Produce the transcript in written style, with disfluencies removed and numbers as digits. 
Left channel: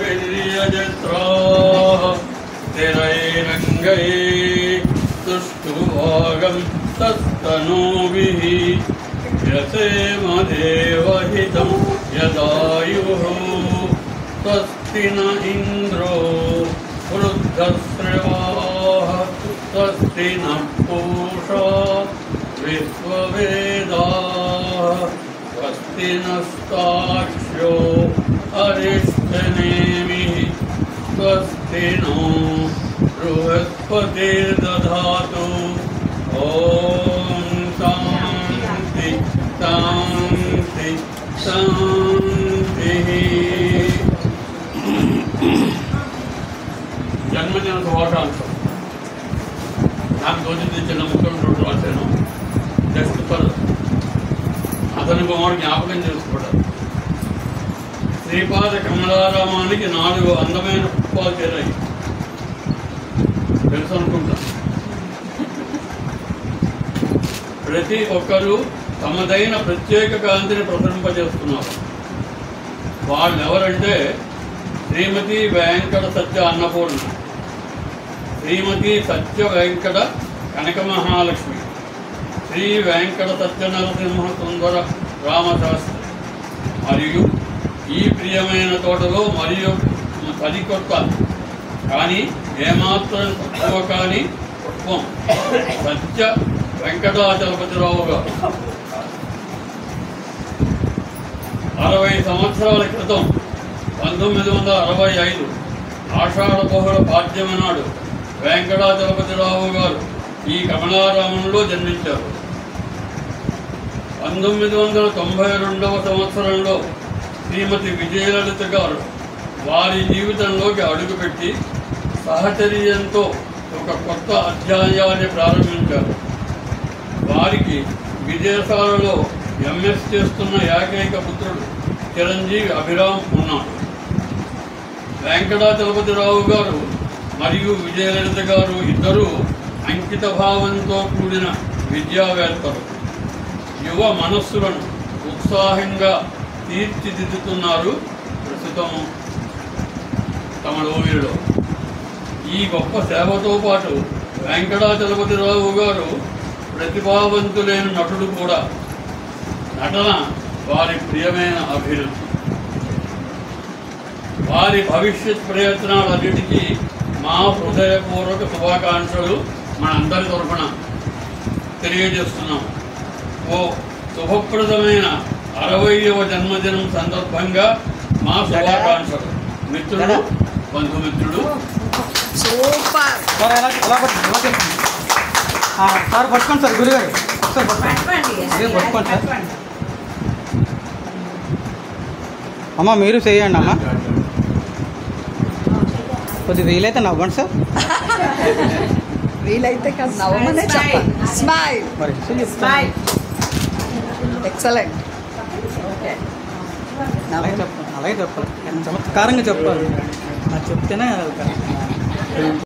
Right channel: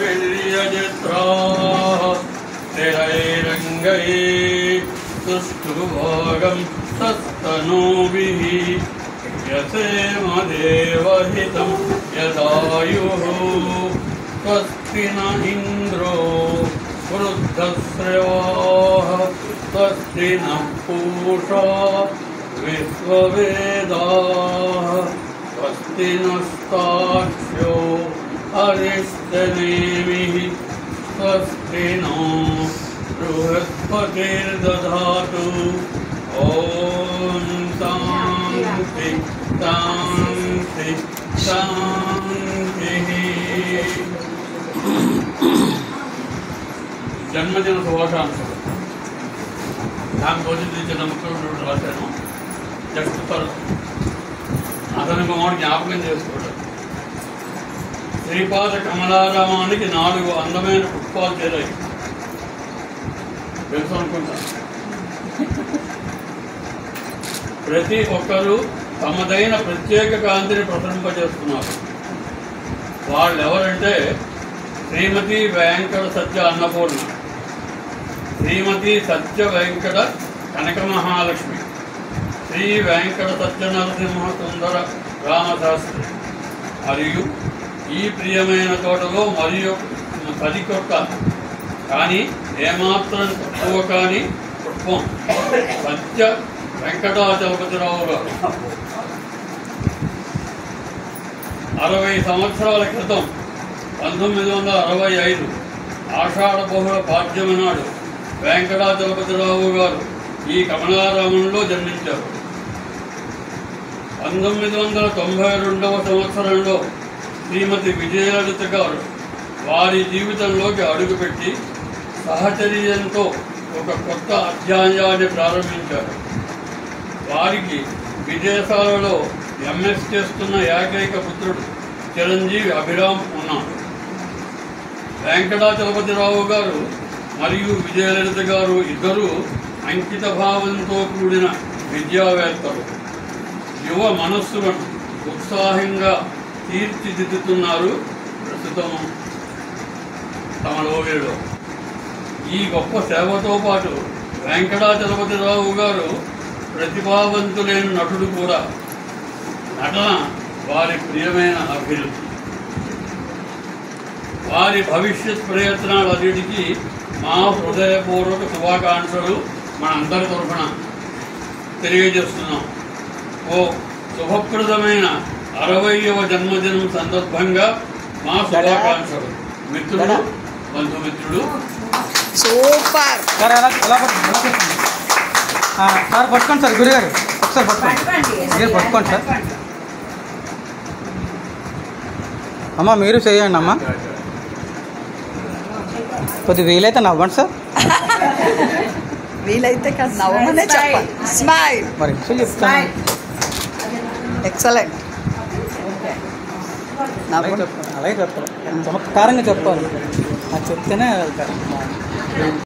वीर्यजत्राः स्थिरैरङ्गैः सुष्ठुभोगं तस्तनूभिः यसेम देवहितं यदायुः स्वस्ति न इन्द्रो वृद्धश्रवाः स्वस्ति नः पूषा विश्ववेदाः स्वस्ति नस्ताक्ष्यो अरिष्टनेमिः स्वस्ति नो बृहस्पतिर्दधातु ॐ शान्ति शान्ति शान्तिः। జన్మదిన శుభాకాంక్షలు. నాకు తోచింది చిన్న ముఖ్యమంత్రి రాశాను. జస్ట్ ఫర్ అతని కుమారుడు జ్ఞాపకం చేసుకోవడం. శ్రీపాద కమలారామానికి 4 అందమైన పుష్పాలు చేరాయి. తెలుసు అనుకుంటా. ప్రతి ఒక్కరూ తమదైన ప్రత్యేక కాంతిని ప్రసరింపజేస్తున్నారు. వాళ్ళు ఎవరంటే శ్రీమతి వెంకట సత్య అన్నపూర్ణ, శ్రీమతి సత్య వెంకట కనక మహాలక్ష్మి, శ్రీ వెంకట సత్య నరసింహ సుందర రామశాస్త్రి మరియు ఈ ప్రియమైన తోటలో మరియు 10 కొత్త కానీ ఏమాత్రం తక్కువ కాని పుష్పం సత్య వెంకటాచలపతిరావు గారు 60 సంవత్సరాల క్రితం 1965 ఆషాఢ బహుళ పాడ్యమి నాడు వెంకటాచలపతిరావు గారు ఈ కమలారామంలో జన్మించారు. 1992వ సంవత్సరంలో శ్రీమతి విజయలలిత గారు వారి జీవితంలోకి అడుగుపెట్టి సహచర్యంతో ఒక కొత్త అధ్యాయాన్ని ప్రారంభించారు. వారికి విదేశాలలో ఎంఎస్ చేస్తున్న ఏకైక పుత్రుడు చిరంజీవి అభిరామ్ ఉన్నాడు. వెంకటాచలపతిరావు గారు మరియు విజయలలిత గారు ఇద్దరూ అంకిత భావంతో కూడిన విద్యావేత్తలు. యువ మనస్సులను ఉత్సాహంగా తీర్చిదిద్దుతున్నారు ప్రస్తుతం తమ లోగిలో. ఈ గొప్ప సేవతో పాటు వెంకటాచలపతిరావు గారు ప్రతిభావంతులైన నటుడు కూడా. నటన వారి ప్రియమైన అభిరుచి. వారి భవిష్యత్ ప్రయత్నాలన్నిటికీ మా హృదయపూర్వక శుభాకాంక్షలు మనందరి తరఫున తెలియజేస్తున్నాం. ఓ శుభప్రదమైన 60వ జన్మదినం సందర్భంగా మా శుభాకాంక్షలు. మిత్రుడు, బంధుమిత్రుడు. సూపర్ సార్ ఎలా సార్ పట్టుకోండి సార్ గురుగారు ఒకసారి పట్టుకోండి సార్. అమ్మ మీరు చేయండి అమ్మ. కొద్దిగా వీలైతే నవ్వండి సార్. వీలైతే కాదు నవ్వమనే చెప్పాలి. స్మైల్ మరి చెప్తాను. ఎక్సలెంట్. అలాగే చెప్పాలి, చమత్కారంగా చెప్పాలి. చెప్తేనే వెళ్తారు.